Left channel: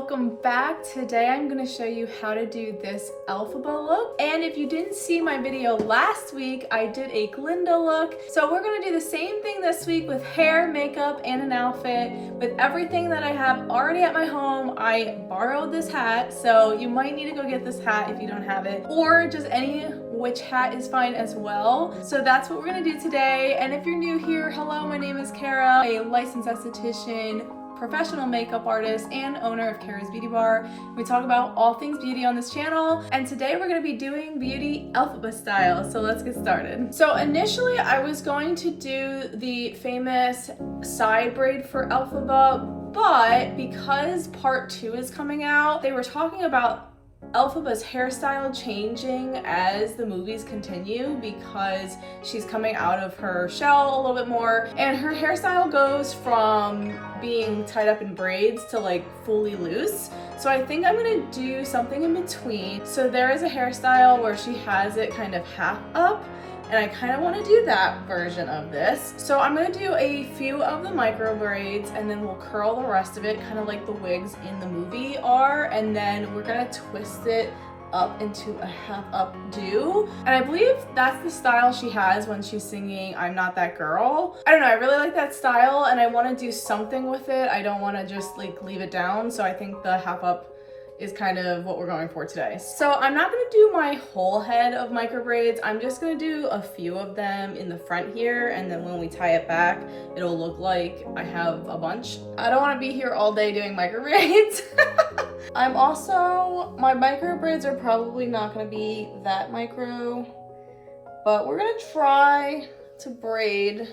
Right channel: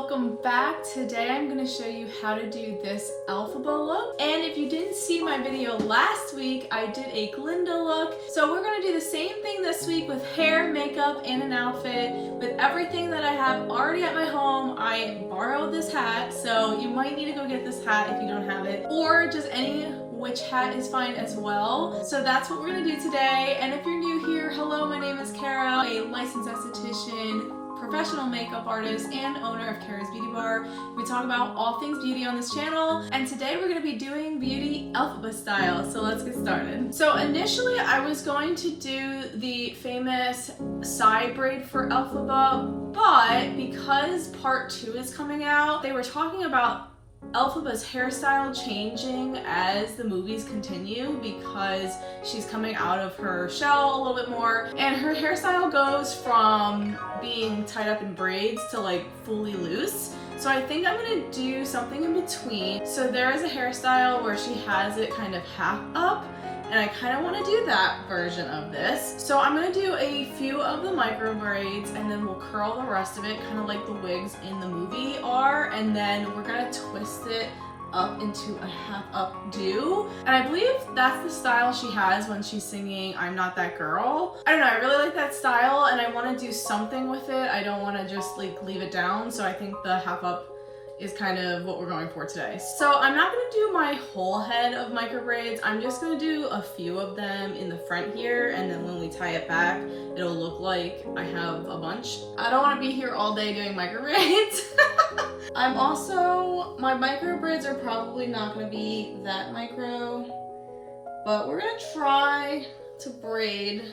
welcome back. Today I'm going to show you how to do this Elphaba look. And if you didn't see my video last week, I did a Glinda look. So we're going to do the same thing this week with hair, makeup, and an outfit. With everything that I have already at my home, I borrowed this hat, so you might need to go get this hat if you don't have it, or just any which hat is fine as well. So that's what we're going to do today. And if you're new here, hello, my name is Karah, a licensed esthetician, professional makeup artist, and owner of Karah's Beauty Bar. We talk about all things beauty on this channel, and today we're going to be doing beauty Elphaba style, so let's get started. So initially I was going to do the famous side braid for Elphaba, but because part 2 is coming out, they were talking about Elphaba's hairstyle changing as the movies continue because she's coming out of her shell a little bit more, and her hairstyle goes from being tied up in braids to like fully loose. So I think I'm gonna do something in between. So there is a hairstyle where she has it kind of half up, and I kind of want to do that version of this. So I'm going to do a few of the micro braids, and then we'll curl the rest of it, kind of like the wigs in the movie are, and then we're going to twist it up into a half up do. And I believe that's the style she has when she's singing I'm Not That Girl. I don't know, I really like that style, and I want to do something with it. I don't want to just like leave it down, so I think the half up is kind of what we're going for today. So I'm not gonna do my whole head of micro braids. I'm just gonna do a few of them in the front here, and then when we tie it back, it'll look like I have a bunch. I don't wanna be here all day doing micro braids. My micro braids are probably not gonna be that micro, but we're gonna try to braid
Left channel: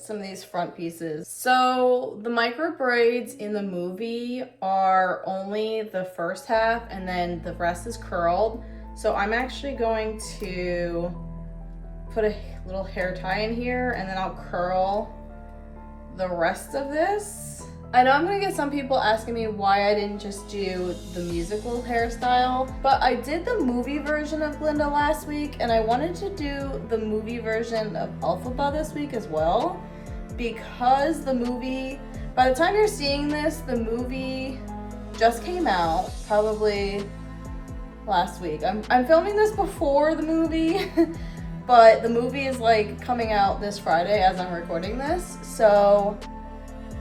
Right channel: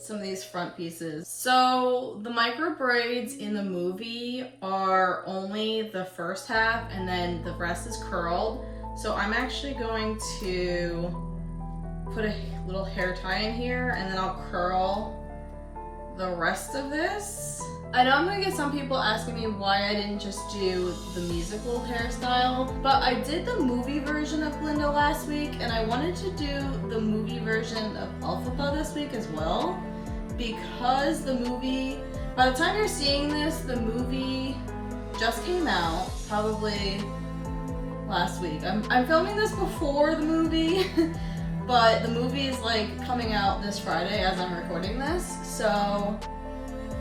some of these front pieces. So the micro braids in the movie are only the first half, and then the rest is curled. So I'm actually going to put a little hair tie in here, and then I'll curl the rest of this. I know I'm gonna get some people asking me why I didn't just do the musical hairstyle, but I did the movie version of Glinda last week, and I wanted to do the movie version of Elphaba this week as well, because the movie, by the time you're seeing this, the movie just came out, probably last week. I'm filming this before the movie, but the movie is like coming out this Friday as I'm recording this, so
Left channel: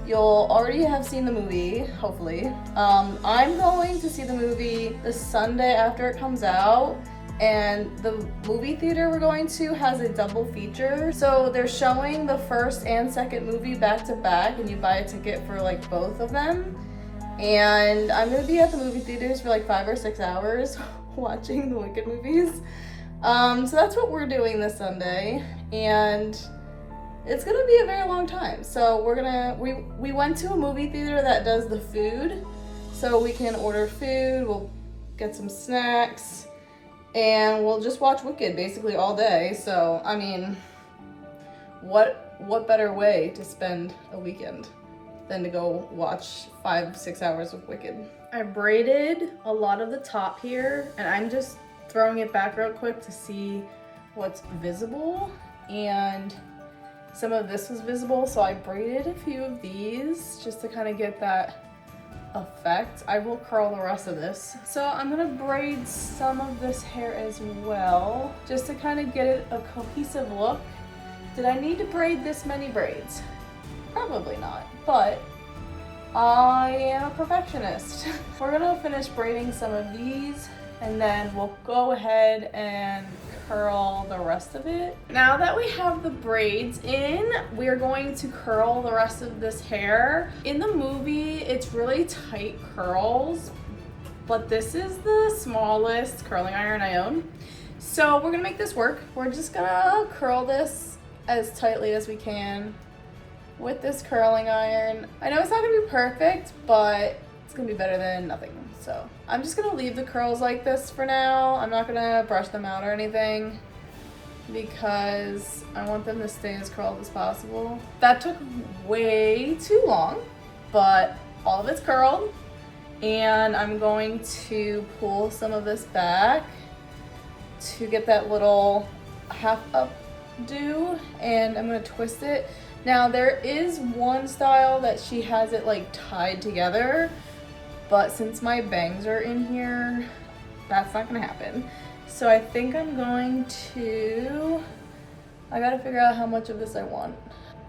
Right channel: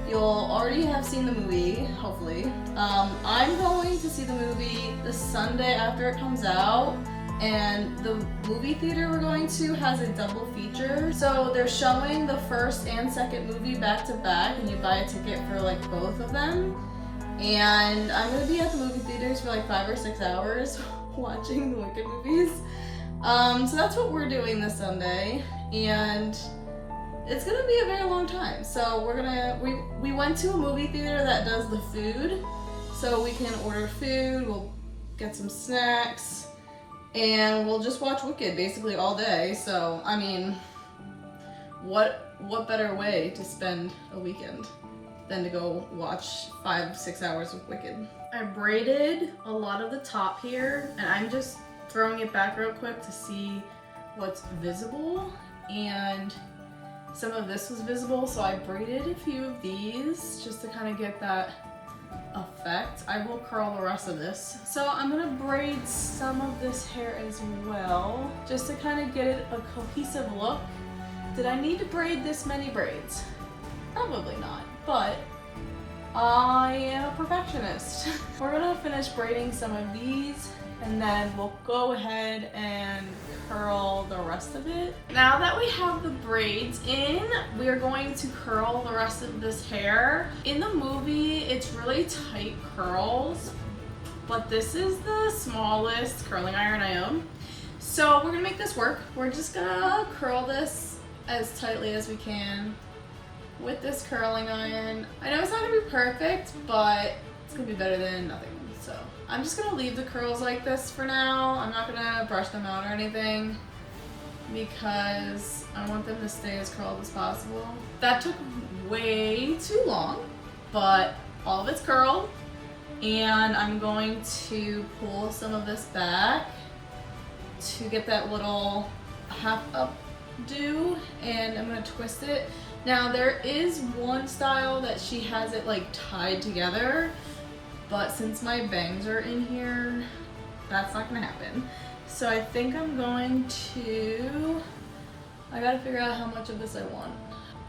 you'll already have seen the movie, hopefully. I'm going to see the movie the Sunday after it comes out, and the movie theater we're going to has a double feature. So they're showing the first and second movie back to back, and you buy a ticket for like both of them. And I'm gonna be at the movie theaters for like 5 or 6 hours watching the Wicked movies. So that's what we're doing this Sunday, and it's gonna be a very long time. So we went to a movie theater that does the food, so we can order food, we'll get some snacks, and we'll just watch Wicked basically all day. So I mean, what better way to spend a weekend than to go watch 5-6 hours of Wicked. I braided a lot of the top here, and I'm just throwing it back real quick to see what's visible, and some of this was visible, so I braided a few of these just to kind of get that effect. I will curl the rest of this. So I'm gonna braid some of this hair as well, just to kind of get it a cohesive look. Did I need to braid this many braids? Probably not, but I am a perfectionist. We're gonna finish braiding some of these, and then we'll go ahead and curl the rest of it. Now that we have the braids in, we're going to curl the rest of this hair. In the movie, it's really tight curls, but this is the smallest curling iron I own. So we're gonna make this work. We're just gonna curl this as tightly as we can with this curling iron. I know it's not gonna be perfect, but it's gonna be better than nothing. So I'm just gonna leave the curls like this for now. I'm not gonna brush them out or anything because I want them to stay as curled as possible. That took way too long, but all of it's curled, and I'm going to pull some of this back to get that little half up do, and I'm gonna twist it. Now there is one style that she has it like tied together, but since my bangs are in here, that's not gonna happen. So I think I'm going to, I gotta figure out how much of this I want.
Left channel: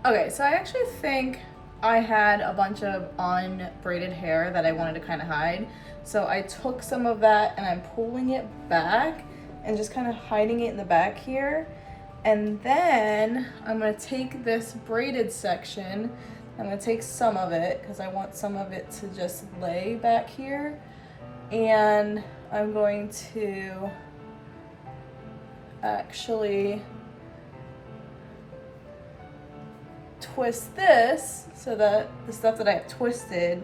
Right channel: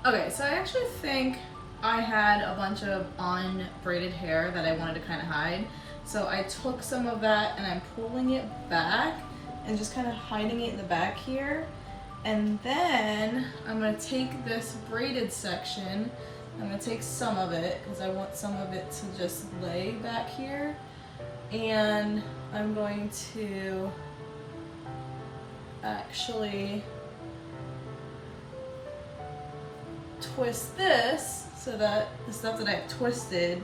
Okay, so I actually think I had a bunch of unbraided hair that I wanted to kind of hide. So I took some of that and I'm pulling it back and just kind of hiding it in the back here. And then I'm gonna take this braided section, I'm gonna take some of it because I want some of it to just lay back here. And I'm going to actually twist this so that the stuff that I have twisted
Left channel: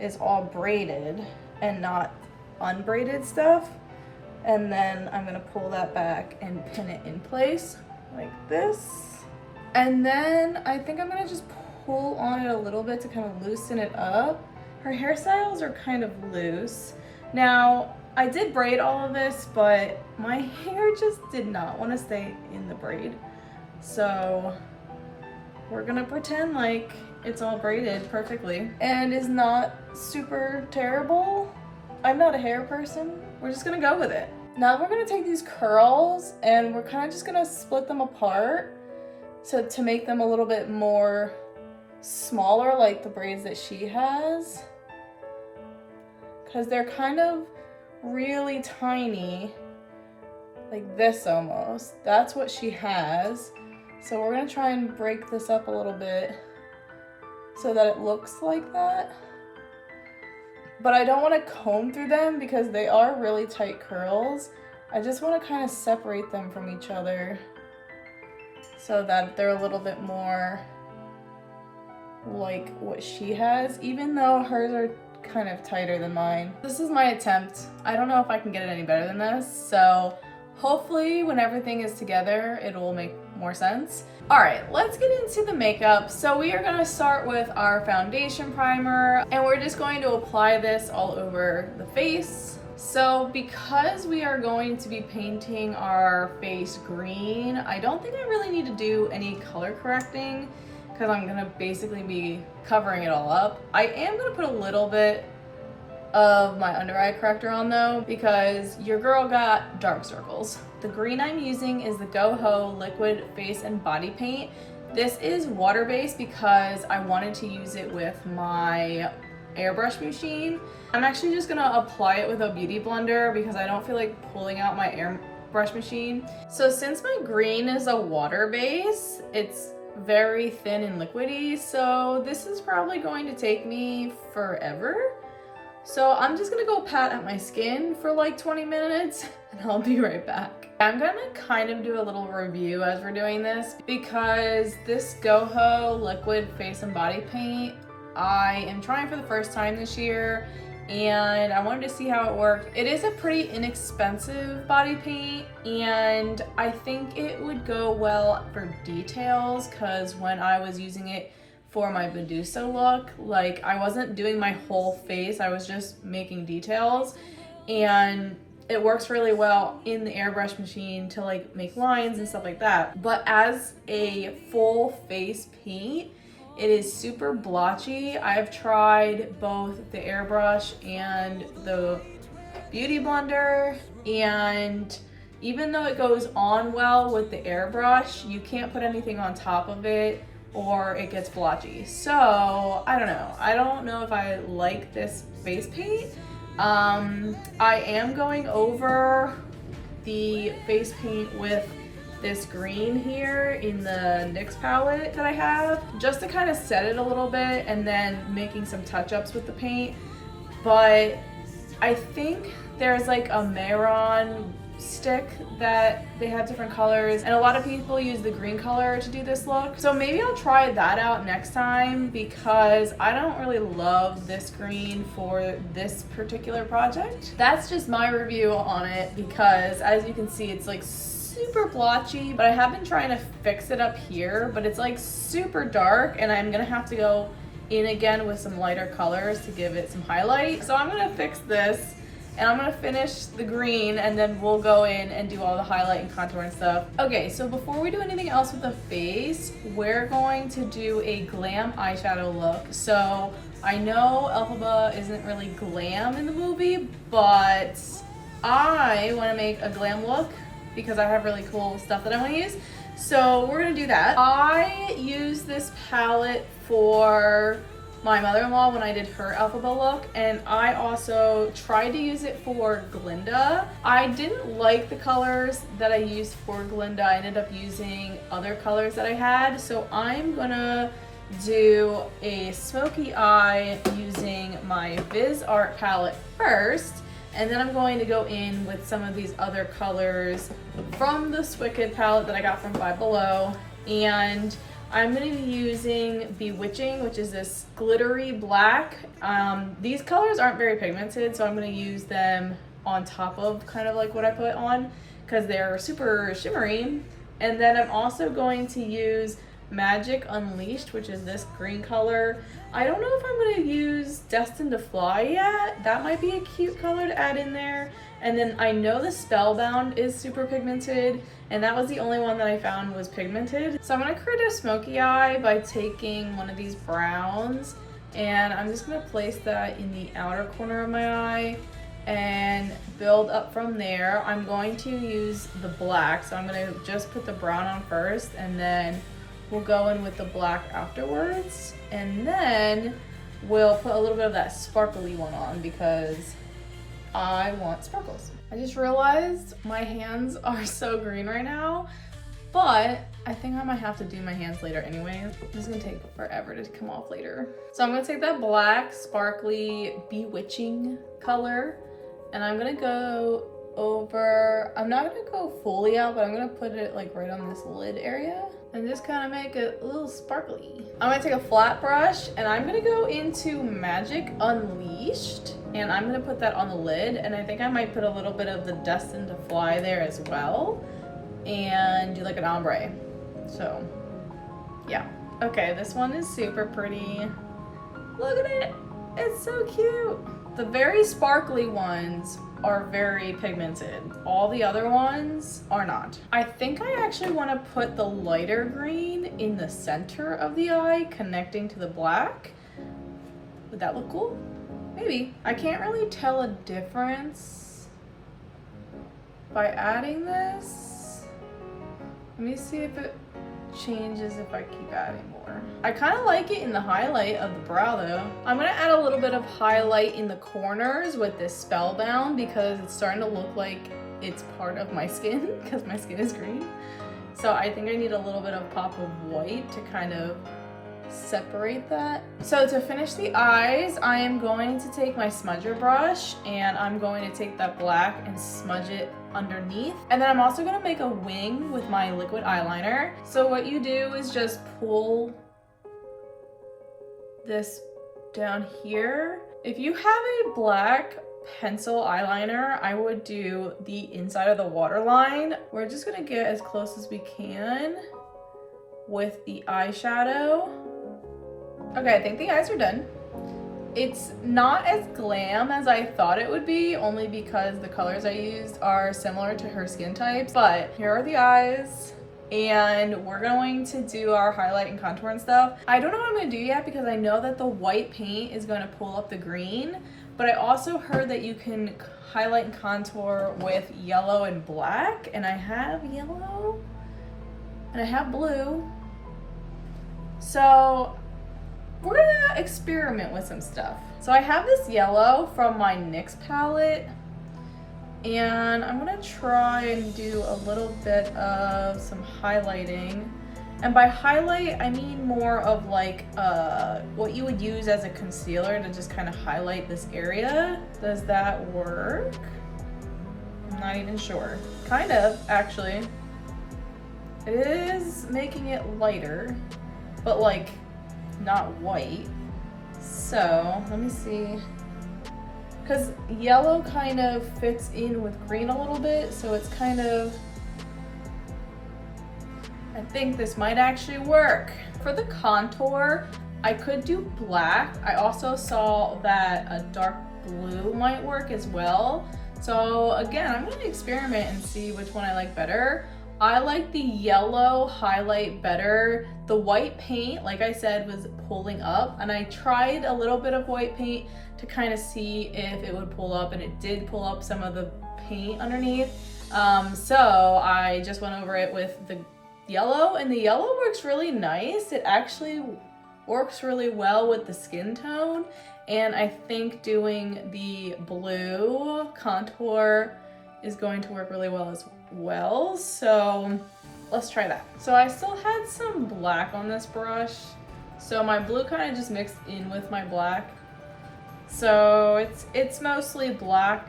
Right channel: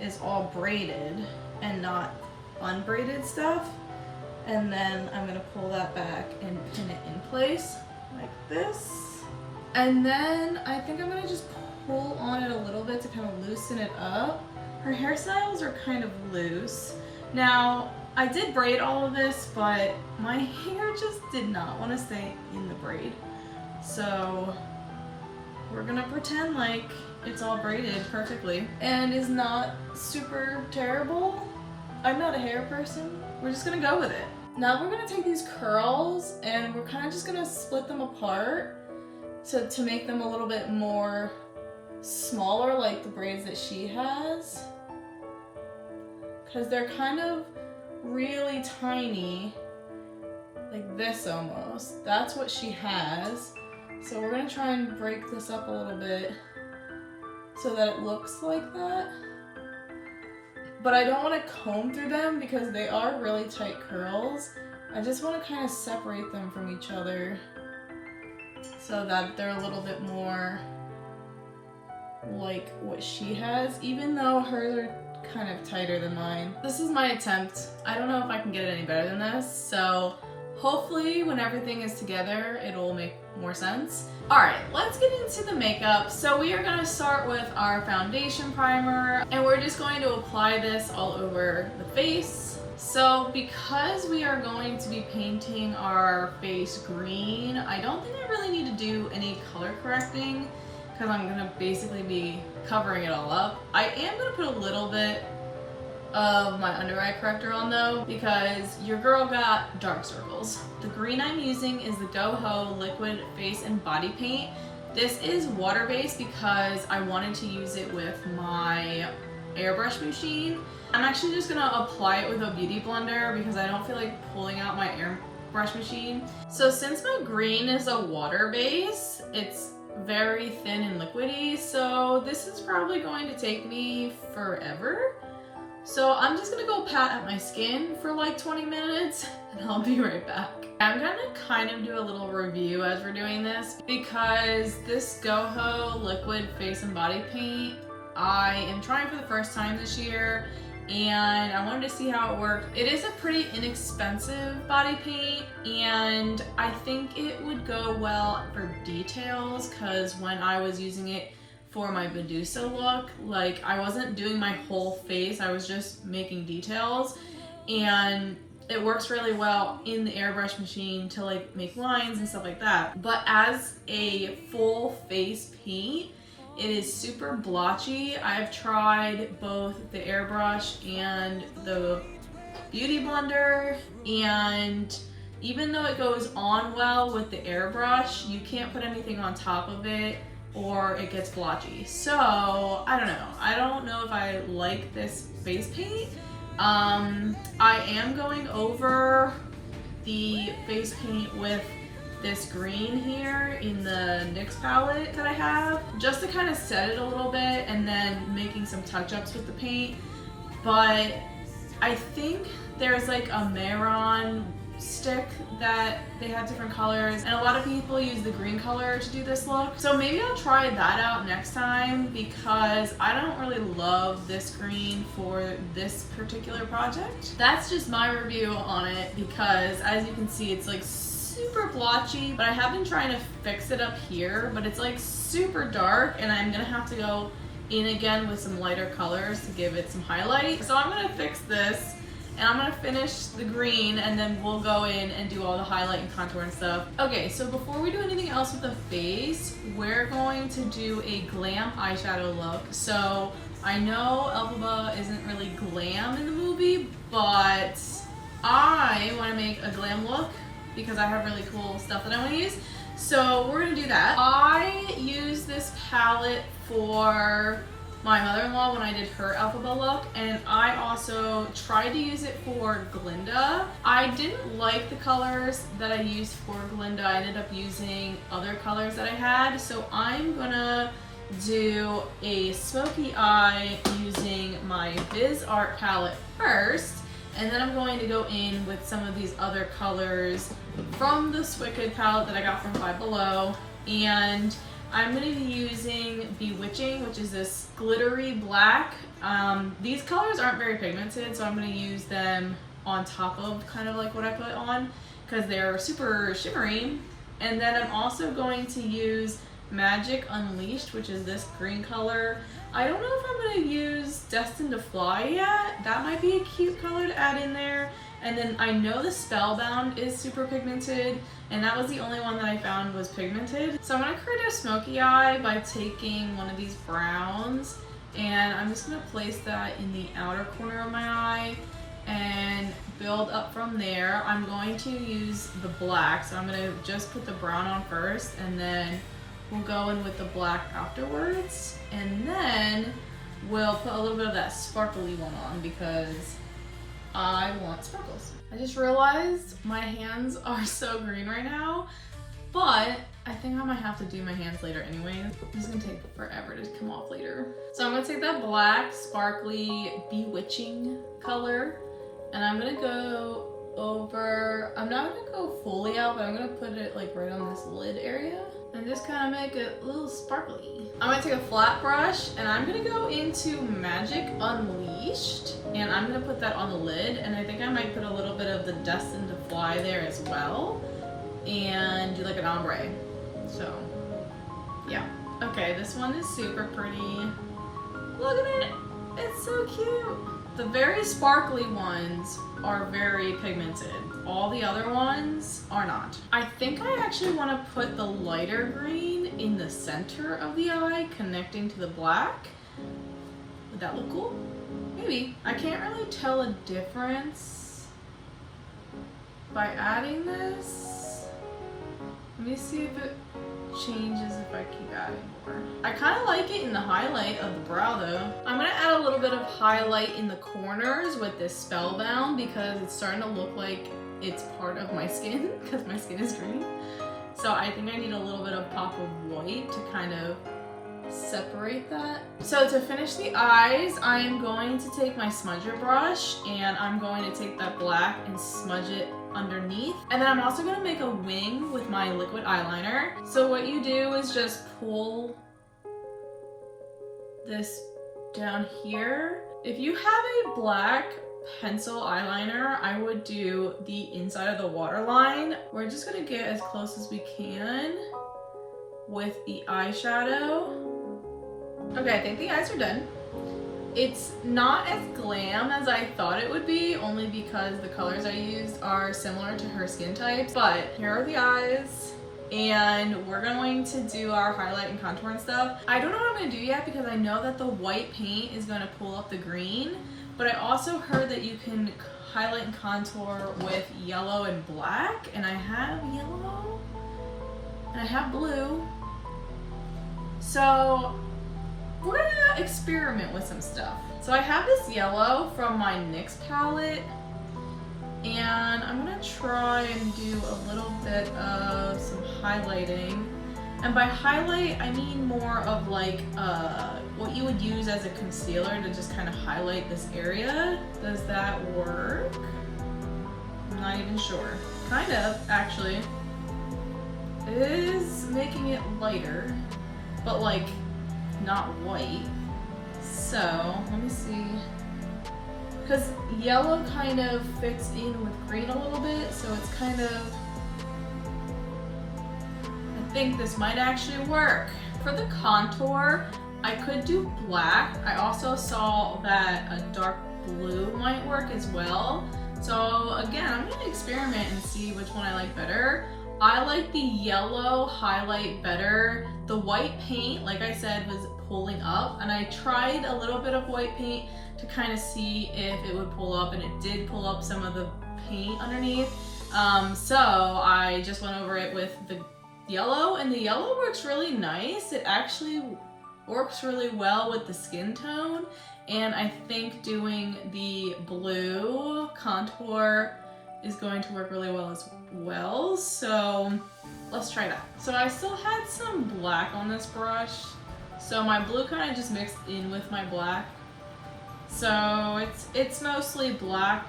is all braided and not unbraided stuff. And then I'm gonna pull that back and pin it in place like this. And then I think I'm gonna just pull on it a little bit to kind of loosen it up. Her hairstyles are kind of loose. Now, I did braid all of this, but my hair just did not want to stay in the braid. So we're gonna pretend like it's all braided perfectly and is not super terrible. I'm not a hair person. We're just gonna go with it. Now we're gonna take these curls and we're kind of just gonna split them apart to make them a little bit more smaller, like the braids that she has. Because they're kind of really tiny, like this almost. That's what she has. So we're gonna try and break this up a little bit so that it looks like that. But I don't want to comb through them because they are really tight curls. I just want to kind of separate them from each other so that they're a little bit more like what she has, even though hers are kind of tighter than mine. This is my attempt. I don't know if I can get it any better than this, so hopefully when everything is together, it'll make more sense. All right, let's get into the makeup. So we are gonna start with our foundation primer, and we're just going to apply this all over the face. So because we are going to be painting our face green, I don't think I really need to do any color correcting because I'm gonna basically be covering it all up. I am gonna put a little bit of my under eye corrector on though, because your girl got dark circles. The green I'm using is the Goho liquid face and body paint. This is water based because I wanted to use it with my airbrush machine. I'm actually just gonna apply it with a beauty blender because I don't feel like pulling out my airbrush machine. So since my green is a water base, it's very thin and liquidy, so this is probably going to take me forever. So I'm just gonna go pat at my skin for like 20 minutes and I'll be right back. I'm gonna kind of do a little review as we're doing this because this Goho liquid face and body paint, I am trying for the first time this year and I wanted to see how it worked. It is a pretty inexpensive body paint and I think it would go well for details because when I was using it for my Medusa look, like I wasn't doing my whole face, I was just making details, and it works really well in the airbrush machine to like make lines and stuff like that. But as a full face paint, it is super blotchy. I've tried both the airbrush and the beauty blender, and even though it goes on well with the airbrush, you can't put anything on top of it or it gets blotchy. So I don't know. I don't know if I like this face paint. I am going over the face paint with this green here in the NYX palette that I have, just to kind of set it a little bit and then making some touch-ups with the paint. But I think there's like a Maron stick that they have different colors, and a lot of people use the green color to do this look. So maybe I'll try that out next time because I don't really love this green for this particular project. That's just my review on it because as you can see, it's like super blotchy, but I have been trying to fix it up here, but it's like super dark and I'm gonna have to go in again with some lighter colors to give it some highlight. So I'm gonna fix this and I'm gonna finish the green and then we'll go in and do all the highlight and contour and stuff. Okay, so before we do anything else with the face, we're going to do a glam eyeshadow look. So I know Elphaba isn't really glam in the movie, but I wanna make a glam look because I have really cool stuff that I wanna use. So we're gonna do that. I use this palette for my mother-in-law when I did her Elphaba look, and I also tried to use it for Glinda. I didn't like the colors that I used for Glinda. I ended up using other colors that I had, so I'm gonna do a smoky eye using my Viz Art palette first, and then I'm going to go in with some of these other colors from the Wicked palette that I got from Five Below, and I'm going to be using Bewitching, which is this glittery black. These colors aren't very pigmented, so I'm going to use them on top of kind of like what I put on because they're super shimmery. And then I'm also going to use Magic Unleashed, which is this green color. I don't know if I'm going to use Destined to Fly yet. That might be a cute color to add in there. And then I know the Spellbound is super pigmented, and that was the only one that I found was pigmented. So I'm gonna create a smoky eye by taking one of these browns, and I'm just gonna place that in the outer corner of my eye and build up from there. I'm going to use the black, so I'm gonna just put the brown on first, and then we'll go in with the black afterwards. And then we'll put a little bit of that sparkly one on because I want sparkles. I just realized my hands are so green right now, but I think I might have to do my hands later anyway. It's gonna take forever to come off later. So I'm gonna take that black, sparkly, bewitching color, and I'm gonna go over, I'm not gonna go fully out, but I'm gonna put it like right on this lid area and just kind of make it a little sparkly. I'm gonna take a flat brush and I'm gonna go into Magic Unleashed, and I'm gonna put that on the lid, and I think I might put a little bit of the Destined to Fly there as well and do like an ombre. So yeah. Okay, this one is super pretty. Look at it, it's so cute. The very sparkly ones are very pigmented. All the other ones are not. I think I actually want to put the lighter green in the center of the eye, connecting to the black. Would that look cool? Maybe. I can't really tell a difference by adding this. Let me see if it changes if I keep adding more. I kind of like it in the highlight of the brow though. I'm gonna add a little bit of highlight in the corners with this Spellbound because it's starting to look like it's part of my skin because my skin is green. So I think I need a little bit of pop of white to kind of separate that. So to finish the eyes, I am going to take my smudger brush and I'm going to take that black and smudge it underneath. And then I'm also going to make a wing with my liquid eyeliner. So what you do is just pull this down here. If you have a black pencil eyeliner, I would do the inside of the waterline. We're just going to get as close as we can with the eyeshadow. Okay, I think the eyes are done. It's not as glam as I thought it would be, only because the colors I used are similar to her skin type. But here are the eyes, and we're going to do our highlight and contour and stuff. I don't know what I'm going to do yet because I know that the white paint is going to pull up the green, but I also heard that you can highlight and contour with yellow and black, and I have yellow and I have blue. So we're gonna experiment with some stuff. So I have this yellow from my NYX palette, and I'm gonna try and do a little bit of some highlighting. And by highlight, I mean more of like what you would use as a concealer to just kind of highlight this area. Does that work? I'm not even sure. Kind of, actually. It is making it lighter, but like not white. So let me see, because yellow kind of fits in with green a little bit, so it's kind of, I think this might actually work. For the contour, I could do black. I also saw that a dark blue might work as well. So again, I'm gonna experiment and see which one I like better. I like the yellow highlight better. The white paint, like I said, was pulling up, and I tried a little bit of white paint to kind of see if it would pull up, and it did pull up some of the paint underneath. So I just went over it with the yellow, and the yellow works really nice. It actually works really well with the skin tone, and I think doing the blue contour is going to work really well as well. So let's try that. So I still had some black on this brush, so my blue kind of just mixed in with my black. So it's mostly black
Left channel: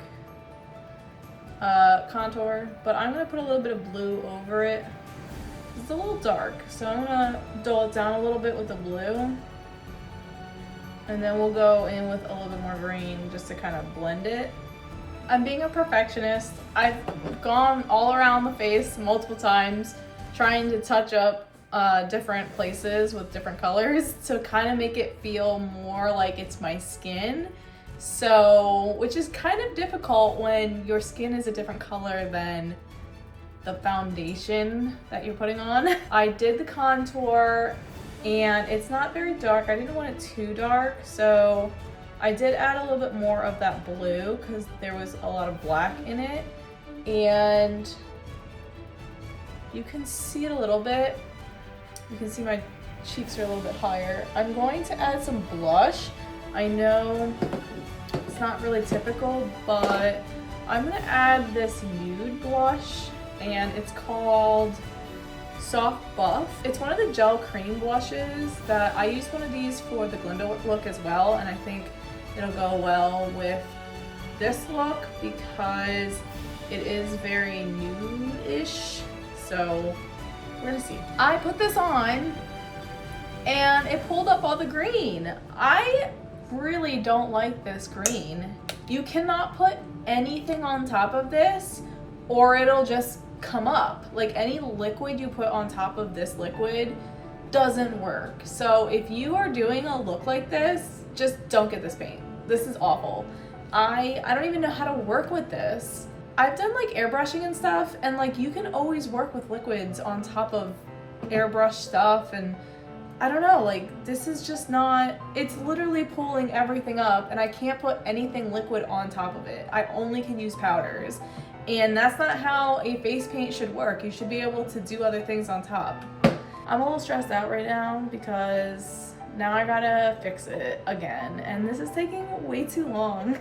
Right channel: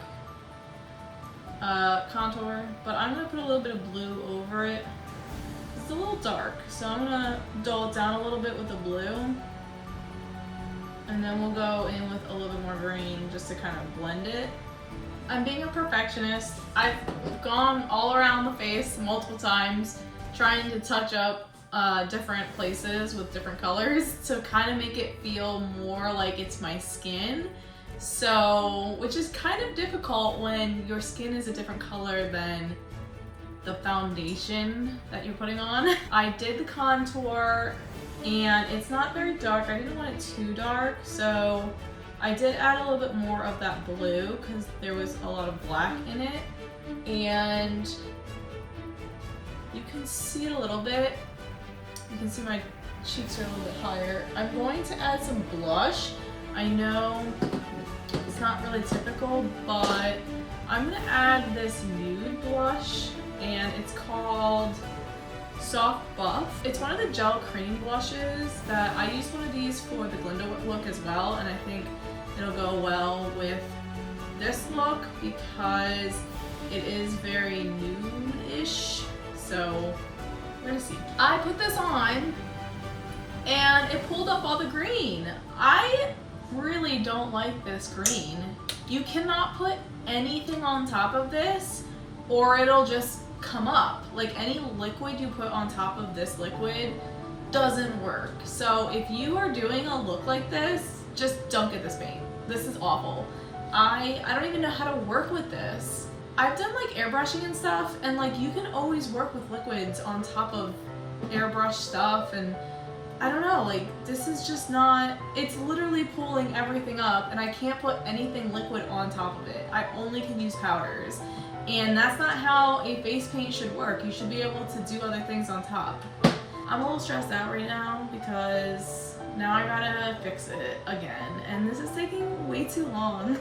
contour, but I'm gonna put a little bit of blue over it. It's a little dark, so I'm gonna dull it down a little bit with the blue, and then we'll go in with a little bit more green just to kind of blend it. I'm being a perfectionist. I've gone all around the face multiple times trying to touch up different places with different colors to kind of make it feel more like it's my skin. So, which is kind of difficult when your skin is a different color than the foundation that you're putting on. I did the contour, and it's not very dark. I didn't want it too dark, so I did add a little bit more of that blue because there was a lot of black in it, and you can see it a little bit. You can see my cheeks are a little bit higher. I'm going to add some blush. I know it's not really typical, but I'm gonna add this nude blush, and it's called Soft Buff. It's one of the gel cream blushes that I used one of these for the Glinda look as well, and I think it'll go well with this look because it is very nude-ish. So we're gonna see. I put this on and it pulled up all the green. I really don't like this green. You cannot put anything on top of this or it'll just come up. Like any liquid you put on top of this liquid doesn't work. So if you are doing a look like this, just don't get this paint. This is awful. I don't even know how to work with this. I've done like airbrushing and stuff, and like you can always work with liquids on top of airbrush stuff, and I don't know, like this is just not, it's literally pulling everything up, and I can't put anything liquid on top of it. I only can use powders, and that's not how a face paint should work. You should be able to do other things on top. I'm a little stressed out right now because now I gotta fix it again, and this is taking way too long.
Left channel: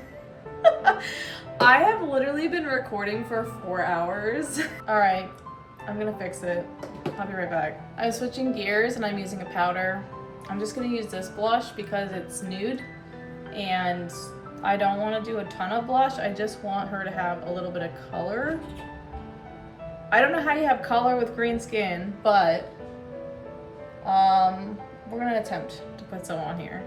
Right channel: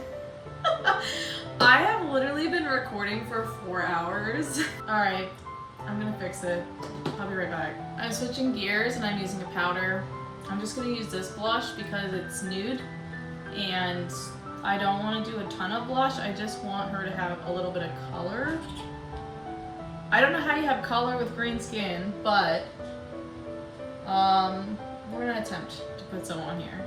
I have literally been recording for 4 hours. All right, I'm gonna fix it. I'll be right back. I'm switching gears and I'm using a powder. I'm just gonna use this blush because it's nude and I don't want to do a ton of blush. I just want her to have a little bit of color. I don't know how you have color with green skin, but we're gonna attempt to put some on here.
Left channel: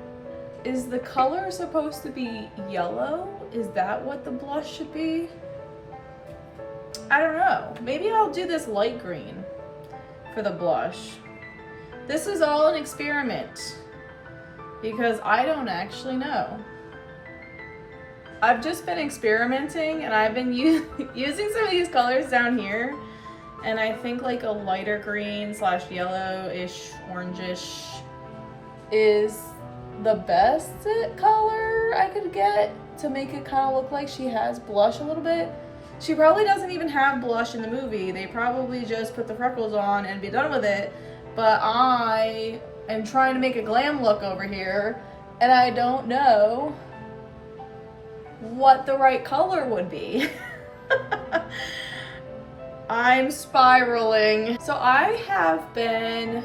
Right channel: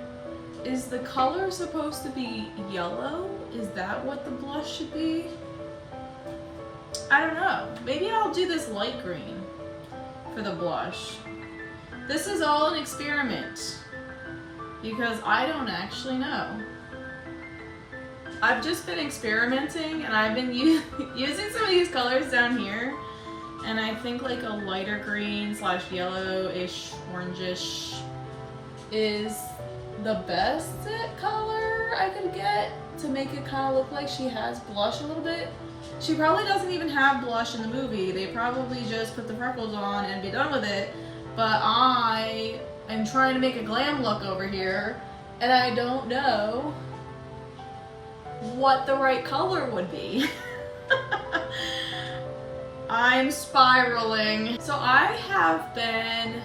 Is the color supposed to be yellow? Is that what the blush should be? I don't know. Maybe I'll do this light green for the blush. This is all an experiment because I don't actually know. I've just been experimenting and I've been using some of these colors down here, and I think like a lighter green / yellowish, orangish is the best color I could get to make it kind of look like she has blush a little bit. She probably doesn't even have blush in the movie. They probably just put the freckles on and be done with it. But I am trying to make a glam look over here, and I don't know what the right color would be. I'm spiraling. So I have been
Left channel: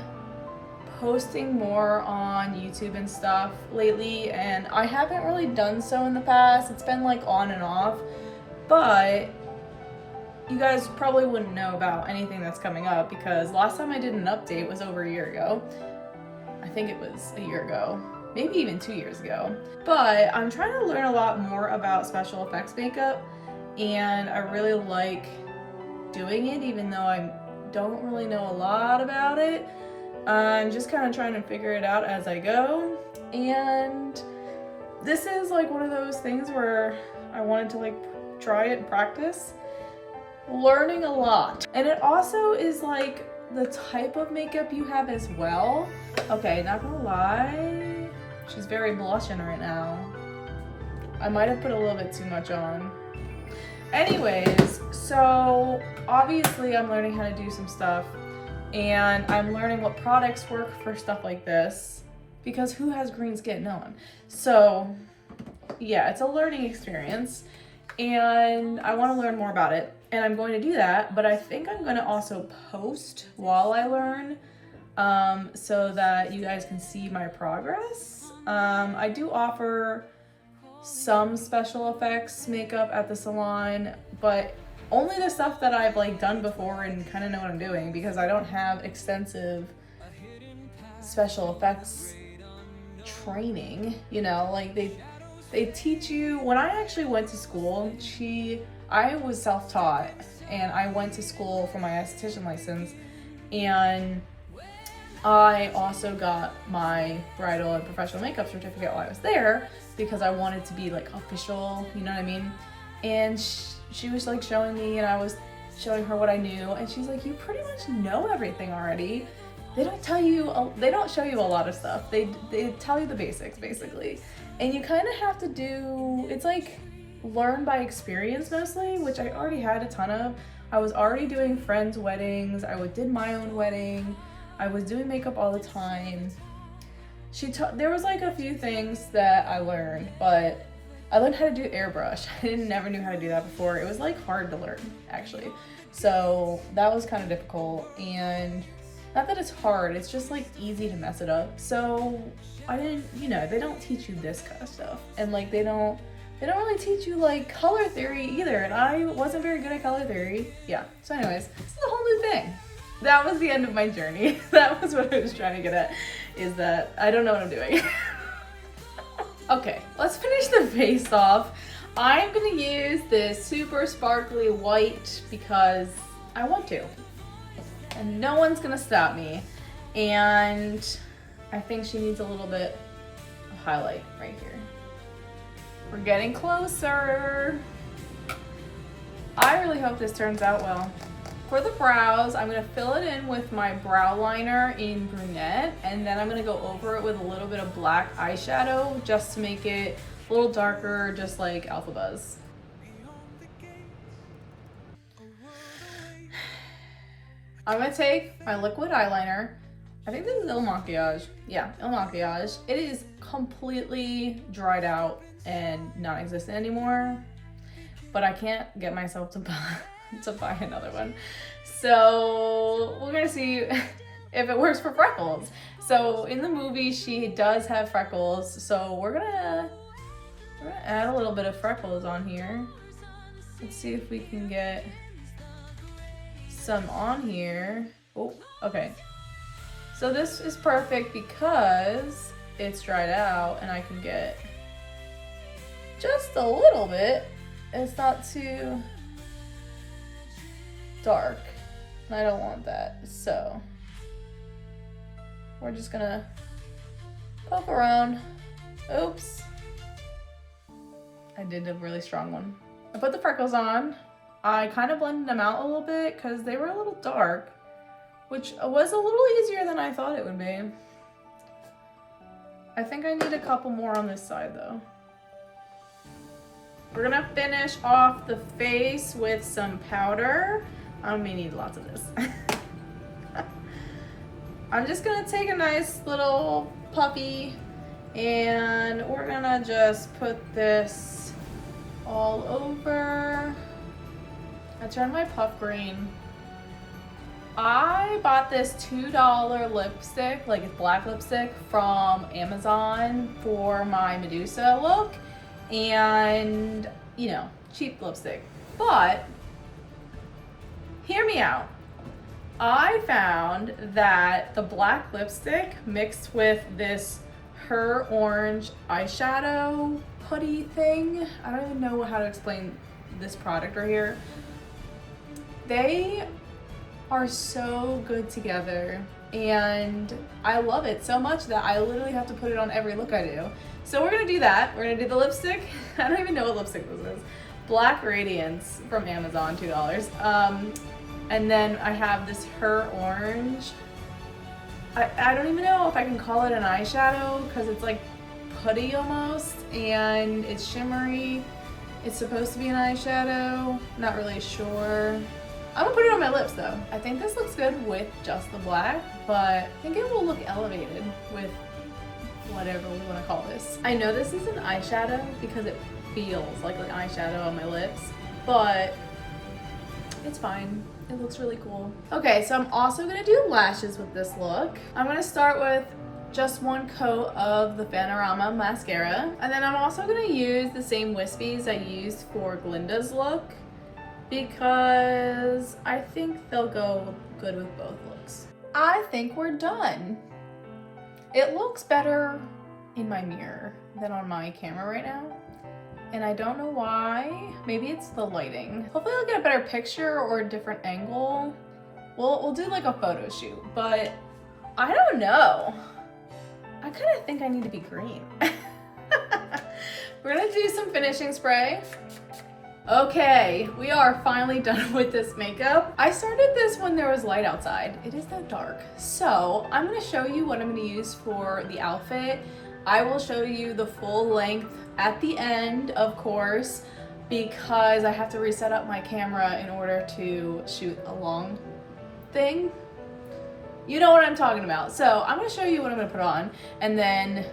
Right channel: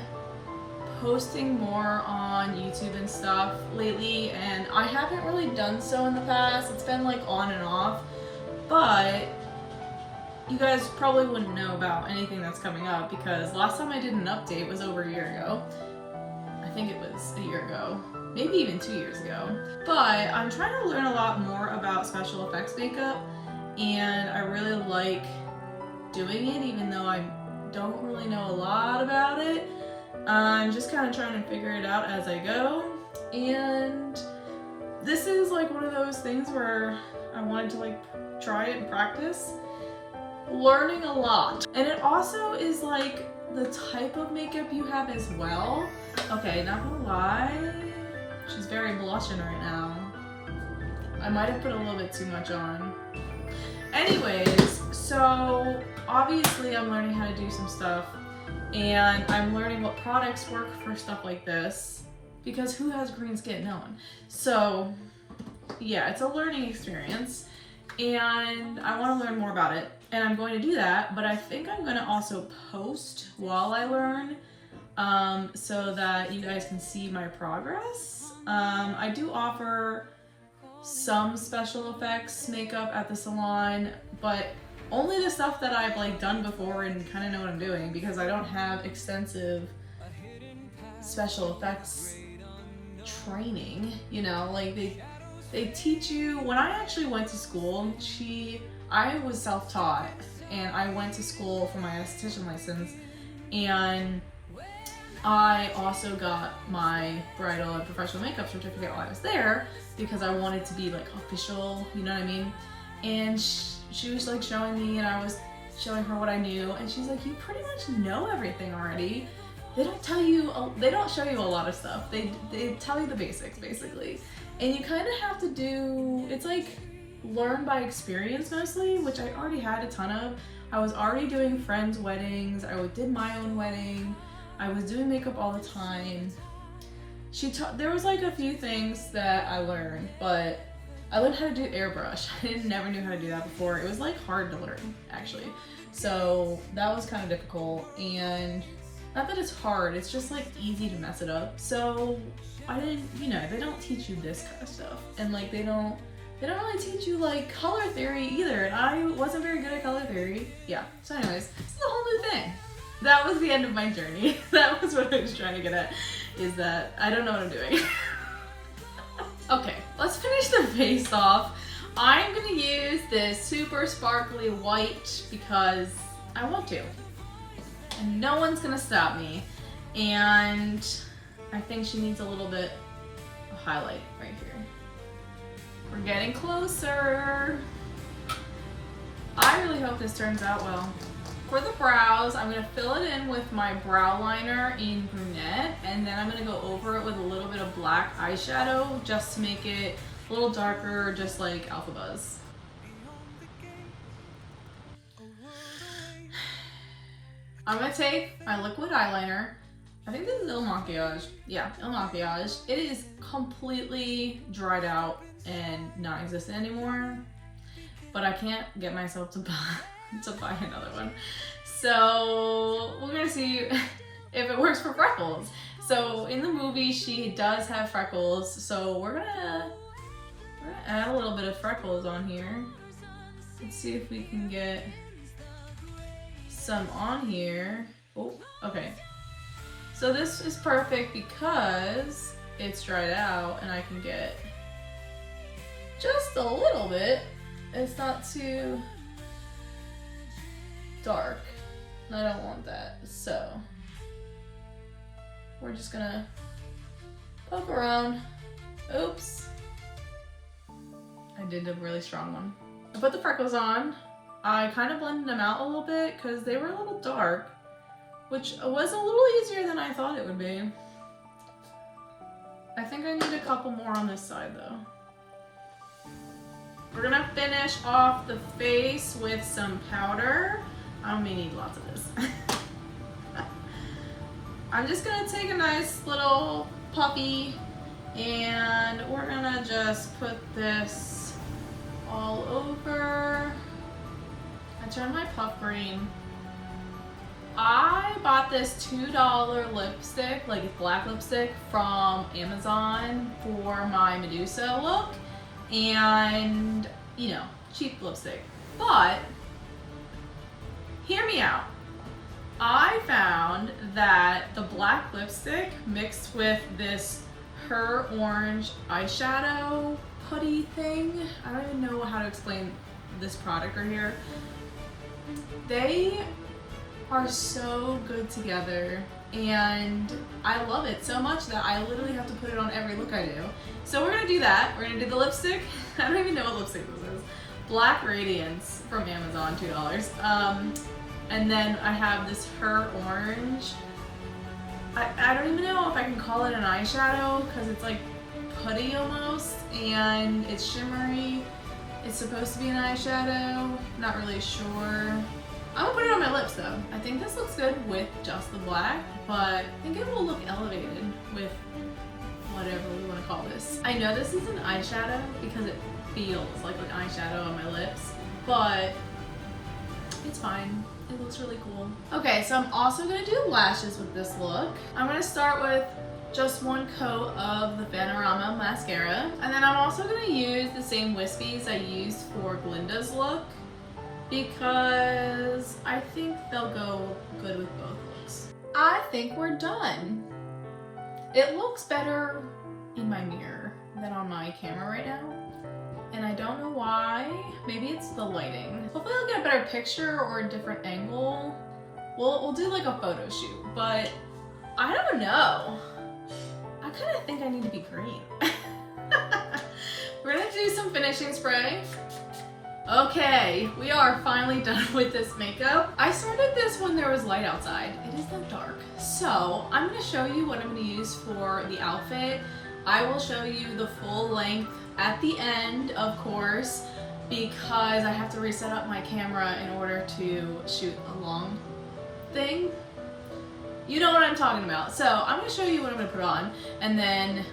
posting more on YouTube and stuff lately, and I haven't really done so in the past. It's been like on and off, but you guys probably wouldn't know about anything that's coming up because last time I did an update was over a year ago. I think it was a year ago, maybe even 2 years ago. But I'm trying to learn a lot more about special effects makeup, and I really like doing it even though I don't really know a lot about it. I'm just kind of trying to figure it out as I go, and this is like one of those things where I wanted to like try it and practice. Learning a lot. And it also is like the type of makeup you have as well. Okay, not gonna lie, she's very blushing right now. I might have put a little bit too much on. Anyways, so obviously I'm learning how to do some stuff, and I'm learning what products work for stuff like this, because who has green skin? No one. So yeah, it's a learning experience, and I want to learn more about it, and I'm going to do that, but I think I'm going to also post while I learn, so that you guys can see my progress. I do offer some special effects makeup at the salon, but only the stuff that I've like done before and kind of know what I'm doing, because I don't have extensive special effects training, you know, like they teach you. When I actually went to school, I was self-taught, and I went to school for my esthetician license, and I also got my bridal and professional makeup certificate while I was there, because I wanted to be like official, you know what I mean? And she was like showing me, and I was showing her what I knew, and she's like, you pretty much know everything already. They don't show you a lot of stuff. They tell you the basics basically. And you kind of have to do, it's like learn by experience mostly, which I already had a ton of. I was already doing friends' weddings. I did my own wedding. I was doing makeup all the time. There was like a few things that I learned, but I learned how to do airbrush. I never knew how to do that before. It was like hard to learn actually. So that was kind of difficult, and not that it's hard, it's just like easy to mess it up. So I didn't, you know, they don't teach you this kind of stuff, and like they don't really teach you like color theory either, and I wasn't very good at color theory. Yeah, so anyways, this is a whole new thing. That was the end of my journey. That was what I was trying to get at, is that I don't know what I'm doing. Okay, let's finish the face off. I'm gonna use this super sparkly white because I want to, and no one's gonna stop me. And I think she needs a little bit of highlight right here. We're getting closer. I really hope this turns out well. For the brows, I'm gonna fill it in with my brow liner in brunette, and then I'm gonna go over it with a little bit of black eyeshadow just to make it a little darker, just like Elphaba's. I'm gonna take my liquid eyeliner. I think this is Il Makiage. Yeah, Il Makiage. It is completely dried out and non-existent anymore, but I can't get myself to buy another one. So we're gonna see if it works for freckles. So in the movie, she does have freckles, so we're gonna add a little bit of freckles on here. Let's see if we can get some on here. Oh, okay. So this is perfect because it's dried out and I can get just a little bit. It's not too dark. I don't want that. So we're just gonna poke around. Oops. I did a really strong one. I put the freckles on. I kind of blended them out a little bit because they were a little dark, which was a little easier than I thought it would be. I think I need a couple more on this side though. We're gonna finish off the face with some powder. I may need lots of this. I'm just gonna take a nice little puffy, and we're gonna just put this all over. I turned my puff green. I bought this $2 lipstick, like black lipstick, from Amazon for my Medusa look, and you know, cheap lipstick. But hear me out. I found that the black lipstick mixed with this Her Orange eyeshadow putty thing, I don't even know how to explain this product right here. They are so good together, and I love it so much that I literally have to put it on every look I do. So we're gonna do that. We're gonna do the lipstick. I don't even know what lipstick this is. Black Radiance from Amazon, $2. And then I have this Her Orange. I don't even know if I can call it an eyeshadow because it's like putty almost, and it's shimmery. It's supposed to be an eyeshadow, not really sure. I'm gonna put it on my lips though. I think this looks good with just the black, but I think it will look elevated with whatever we wanna call this. I know this is an eyeshadow because it feels like an eyeshadow on my lips, but it's fine. It looks really cool. Okay, so I'm also gonna do lashes with this look. I'm gonna start with just one coat of the Panorama mascara, and then I'm also gonna use the same wispies I used for Glinda's look because I think they'll go good with both looks. I think we're done. It looks better in my mirror than on my camera right now, and I don't know why. Maybe it's the lighting. Hopefully I'll get a better picture or a different angle. We'll do like a photo shoot, but I don't know. I kind of think I need to be green. We're gonna do some finishing spray. Okay, we are finally done with this makeup. I started this when there was light outside. It is now dark. So I'm gonna show you what I'm gonna use for the outfit. I will show you the full length at the end, of course, because I have to reset up my camera in order to shoot a long thing. You know what I'm talking about. So I'm gonna show you what I'm gonna put on, and then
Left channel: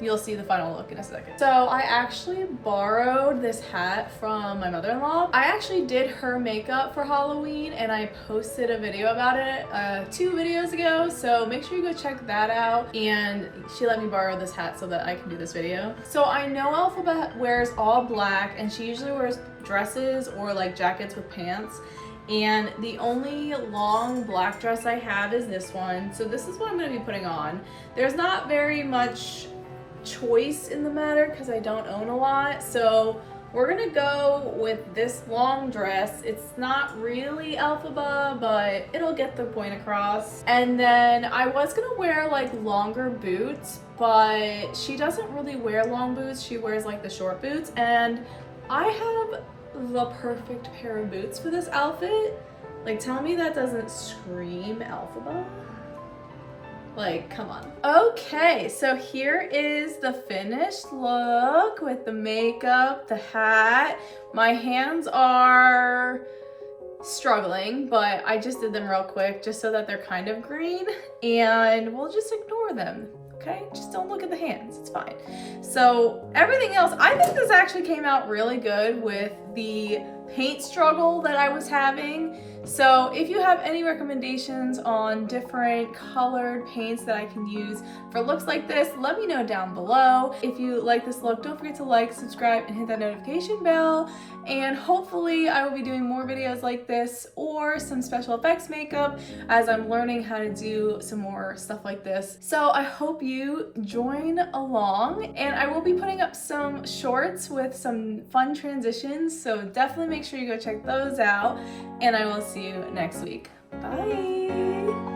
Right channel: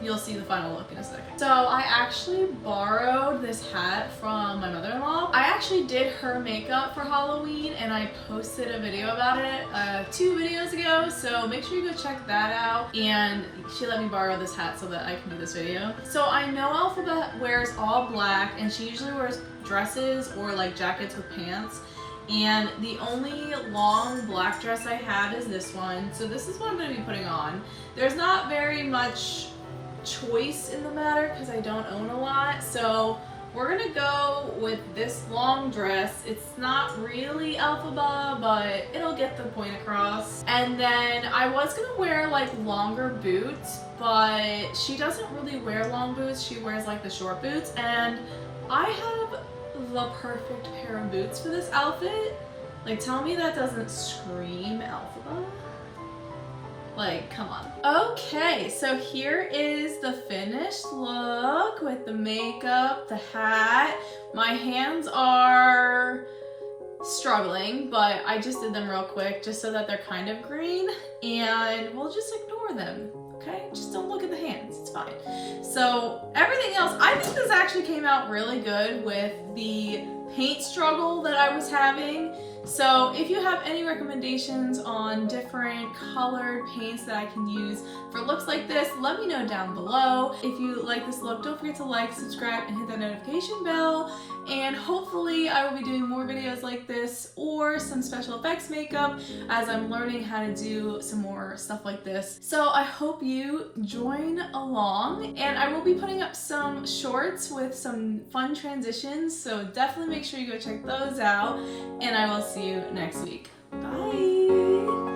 you'll see the final look in a second. So I actually borrowed this hat from my mother-in-law. I actually did her makeup for Halloween, and I posted a video about it 2 videos ago, so make sure you go check that out. And she let me borrow this hat so that I can do this video. So I know Elphaba wears all black, and she usually wears dresses or like jackets with pants. And the only long black dress I have is this one. So this is what I'm gonna be putting on. There's not very much choice in the matter because I don't own a lot. So we're gonna go with this long dress. It's not really Elphaba, but it'll get the point across. And then I was gonna wear like longer boots, but she doesn't really wear long boots. She wears like the short boots, and I have the perfect pair of boots for this outfit. Like, tell me that doesn't scream Elphaba. Like, come on. Okay, so here is the finished look with the makeup, the hat. My hands are struggling, but I just did them real quick just so that they're kind of green, and we'll just ignore them. Okay, just don't look at the hands, it's fine. So everything else, I think this actually came out really good with the paint struggle that I was having. So if you have any recommendations on different colored paints that I can use for looks like this, let me know down below. If you like this look, don't forget to like, subscribe, and hit that notification bell. And hopefully I will be doing more videos like this or some special effects makeup as I'm learning how to do some more stuff like this. So I hope you join along, and I will be putting up some shorts with some fun transitions, so definitely make sure you go check those out, and I will see you next week. Bye!